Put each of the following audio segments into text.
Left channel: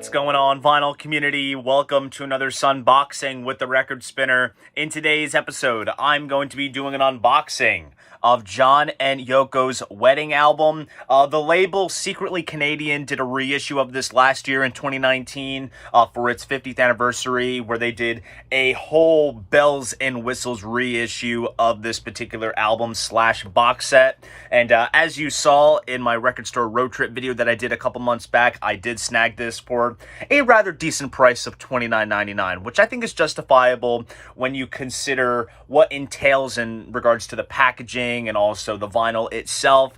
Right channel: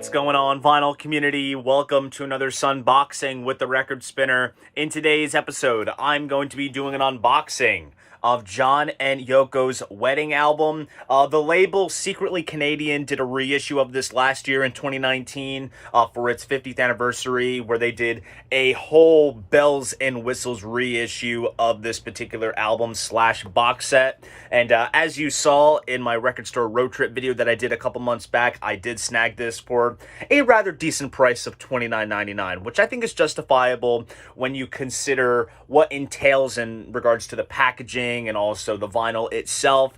What's going on, vinyl community? Welcome to another Sunboxing with the Record Spinner. In today's episode, I'm going to be doing an unboxing of John and Yoko's wedding album. The label, Secretly Canadian, did a reissue of this last year in 2019 for its 50th anniversary, where they did a whole bells and whistles reissue of this particular album slash box set. And as you saw in my record store road trip video that I did a couple months back, I did snag this for a rather decent price of $29.99, which I think is justifiable when you consider what entails in regards to the packaging and also the vinyl itself.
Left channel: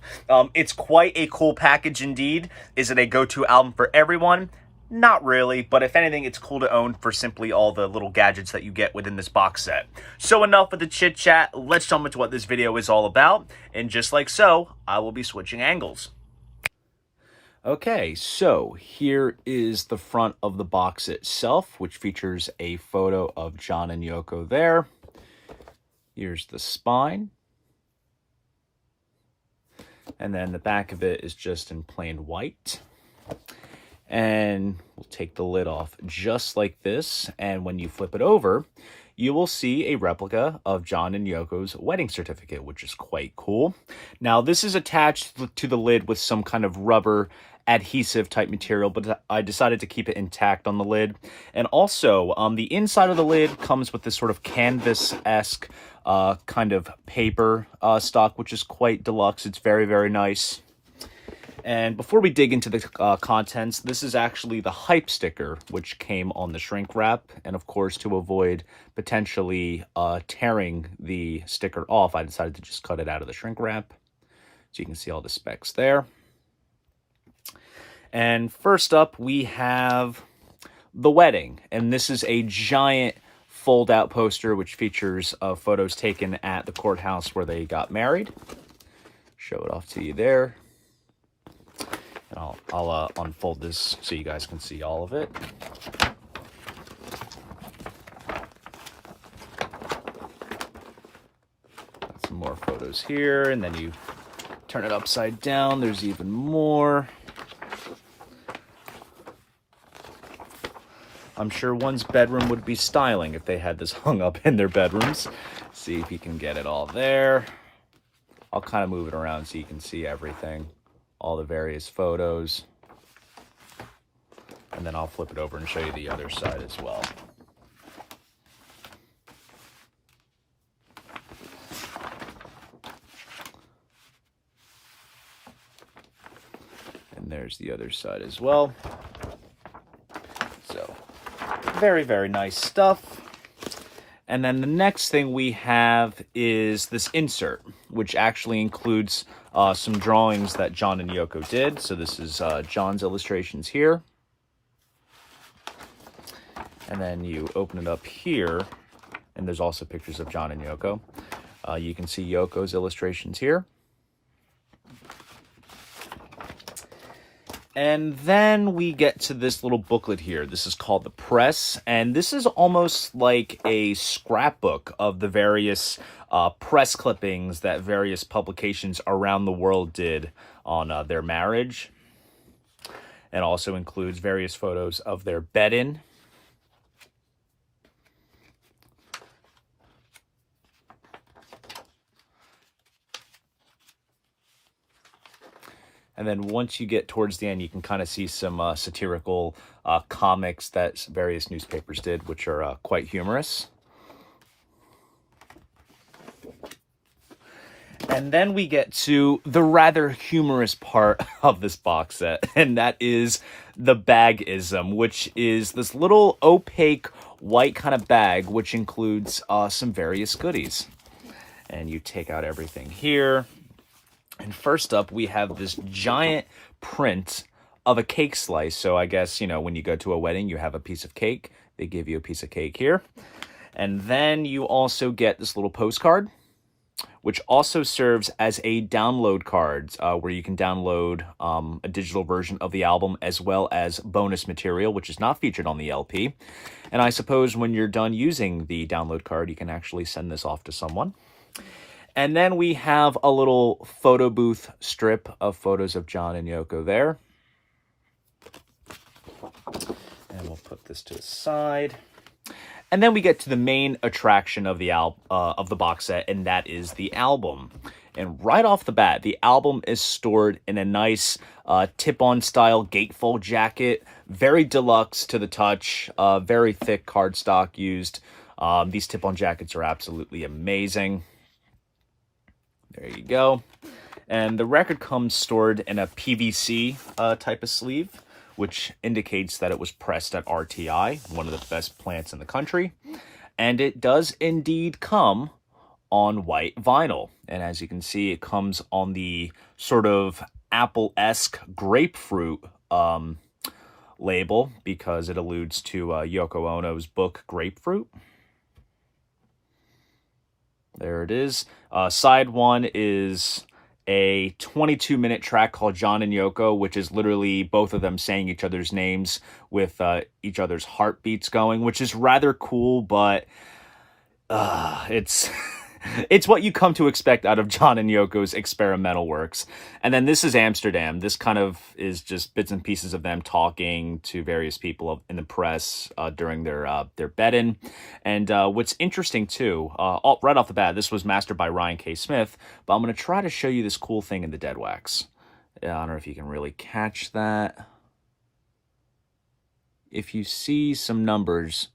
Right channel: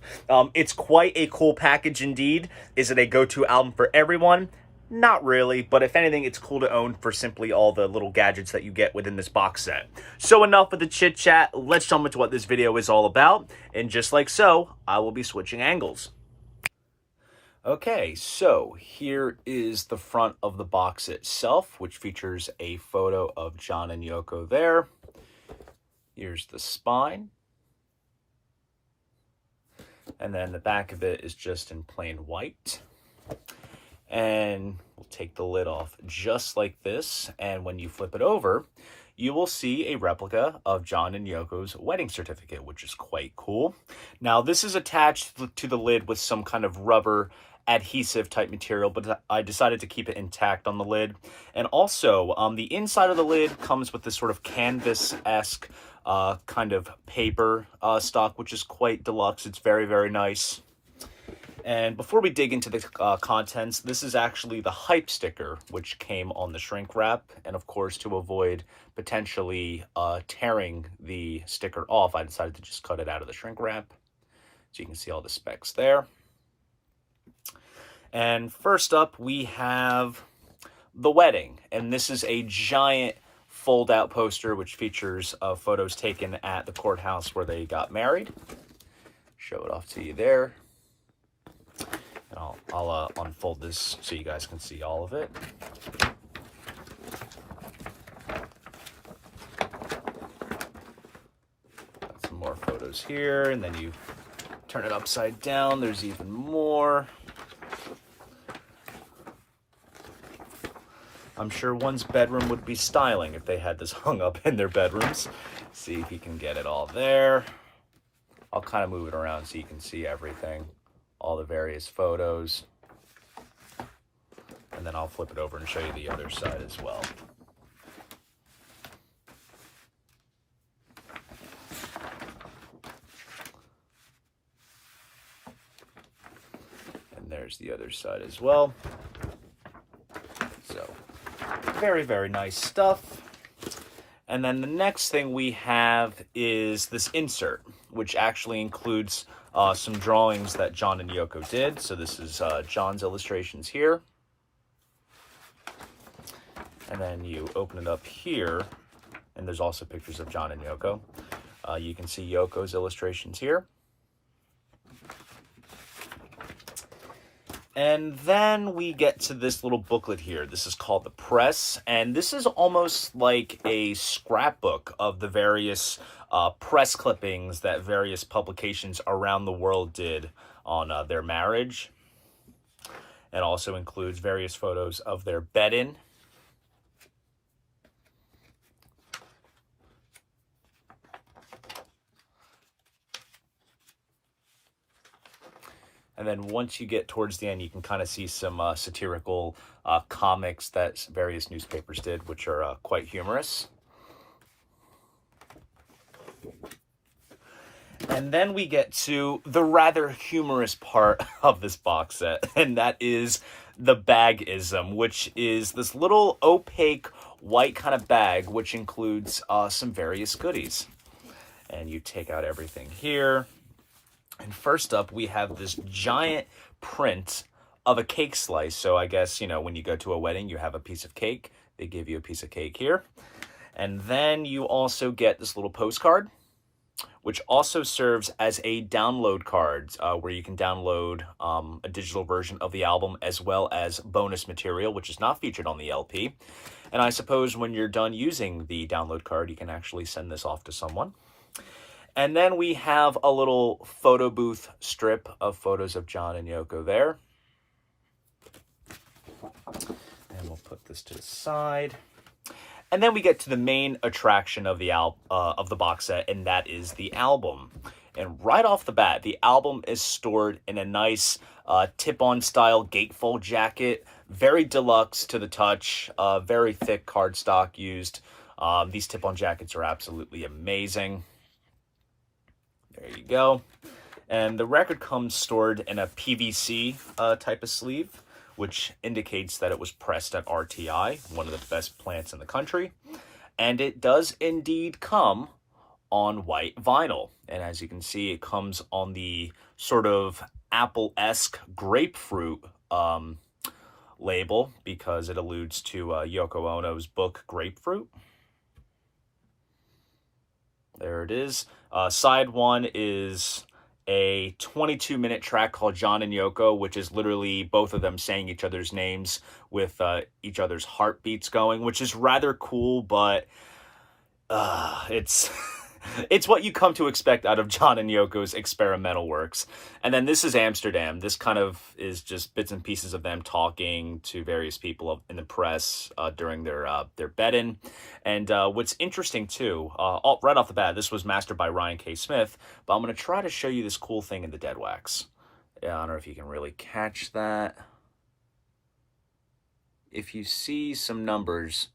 It's quite a cool package indeed. Is it a go-to album for everyone? Not really, but if anything, it's cool to own for simply all the little gadgets that you get within this box set. So enough with the chit-chat, let's jump into what this video is all about, and just like so, I will be switching angles. Okay, so here is the front of the box itself, which features a photo of John and Yoko there. Here's the spine. And then the back of it is just in plain white. And we'll take the lid off just like this. And when you flip it over, you will see a replica of John and Yoko's wedding certificate, which is quite cool. Now, this is attached to the lid with some kind of rubber adhesive type material, but I decided to keep it intact on the lid. And also, the inside of the lid comes with this sort of canvas-esque kind of paper stock, which is quite deluxe. It's very, very nice. And before we dig into the contents, this is actually the hype sticker, which came on the shrink wrap. And of course, to avoid potentially tearing the sticker off, I decided to just cut it out of the shrink wrap. So you can see all the specs there. And first up, we have the wedding. And this is a giant fold-out poster, which features photos taken at the courthouse where they got married. Show it off to you there. And I'll unfold this so you guys can see all of it. Got some more photos here, and then you turn it upside down. There's even more. I'm sure one's bedroom would be styling if they had this hung up in their bedrooms. See if you can get it all there. I'll kind of move it around so you can see everything, all the various photos. And then I'll flip it over and show you the other side as well. And there's the other side as well. So, very, very nice stuff. And then the next thing we have is this insert, which actually includes some drawings that John and Yoko did. So this is John's illustrations here. And then you open it up here, and there's also pictures of John and Yoko. You can see Yoko's illustrations here. And then we get to this little booklet here. This is called The Press, and this is almost like a scrapbook of the various press clippings that various publications around the world did on their marriage. And also includes various photos of their bed-in. And then once you get towards the end, you can kind of see some satirical comics that various newspapers did, which are quite humorous. And then we get to the rather humorous part of this box set, and that is the bagism, which is this little opaque white kind of bag, which includes some various goodies. And you take out everything here. And first up, we have this giant print of a cake slice. So I guess, you know, when you go to a wedding, you have a piece of cake. They give you a piece of cake here. And then you also get this little postcard, which also serves as a download card where you can download a digital version of the album as well as bonus material, which is not featured on the LP. And I suppose when you're done using the download card, you can actually send this off to someone. And then we have a little photo booth strip of photos of John and Yoko there. put this to the side. And then we get to the main attraction of the box set, and that is the album. And right off the bat, the album is stored in a nice tip-on style gatefold jacket, very deluxe to the touch, very thick cardstock used. These tip-on jackets are absolutely amazing. There you go. And the record comes stored in a PVC type of sleeve, which indicates that it was pressed at RTI, one of the best plants in the country. And it does indeed come on white vinyl. And as you can see, it comes on the sort of apple-esque grapefruit label, because it alludes to Yoko Ono's book, Grapefruit. There it is. Side one is a 22-minute track called John and Yoko, which is literally both of them saying each other's names with each other's heartbeats going, which is rather cool, but it's it's what you come to expect out of John and Yoko's experimental works. And then this is Amsterdam. This kind of is just bits and pieces of them talking to various people in the press during their bed-in. And what's interesting, too, right off the bat, this was mastered by Ryan K. Smith, but I'm going to try to show you this cool thing in the dead wax. I don't know if you can really catch that. If you see some numbers,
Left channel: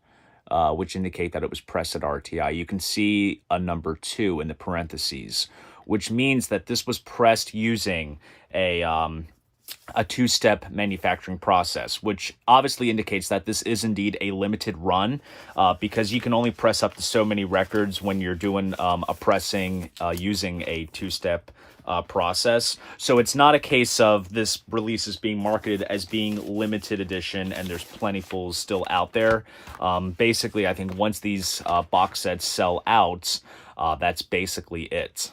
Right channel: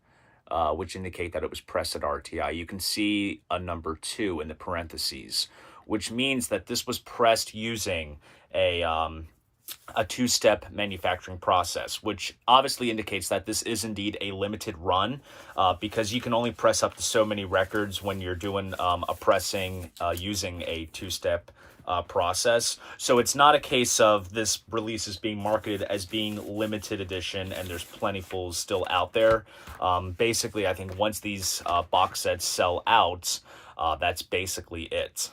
which indicate that it was pressed at RTI, you can see a number 2 in the parentheses, which means that this was pressed using a two-step manufacturing process, which obviously indicates that this is indeed a limited run, because you can only press up to so many records when you're doing a pressing using a two-step process. So it's not a case of this release is being marketed as being limited edition and there's plentiful still out there. Basically, I think once these box sets sell out, that's basically it.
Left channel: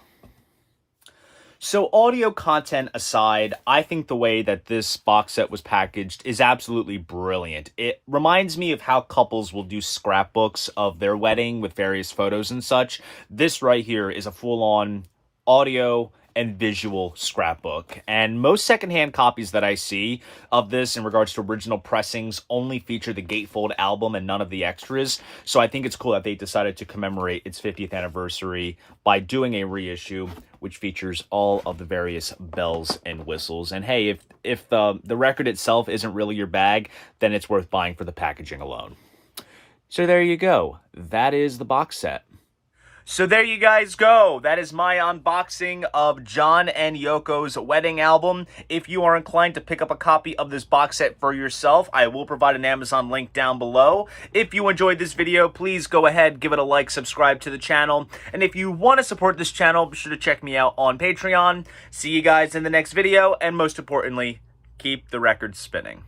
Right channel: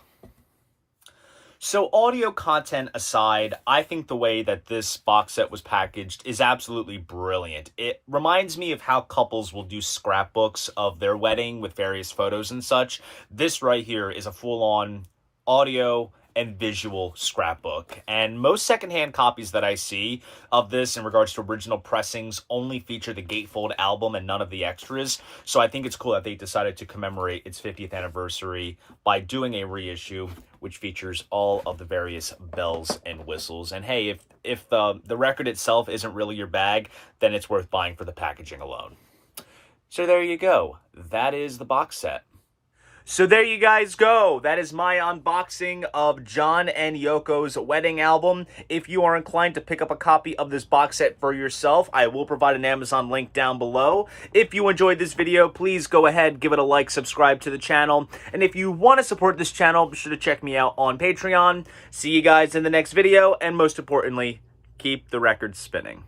So audio content aside, I think the way that this box set was packaged is absolutely brilliant. It reminds me of how couples will do scrapbooks of their wedding with various photos and such. This right here is a full-on audio and visual scrapbook. And most secondhand copies that I see of this in regards to original pressings only feature the gatefold album and none of the extras. So I think it's cool that they decided to commemorate its 50th anniversary by doing a reissue which features all of the various bells and whistles. And hey, if the record itself isn't really your bag, then it's worth buying for the packaging alone. So there you go. That is the box set. So there you guys go. That is my unboxing of John and Yoko's wedding album. If you are inclined to pick up a copy of this box set for yourself, I will provide an Amazon link down below. If you enjoyed this video, please go ahead, give it a like, subscribe to the channel. And if you want to support this channel, be sure to check me out on Patreon. See you guys in the next video, and most importantly, keep the records spinning.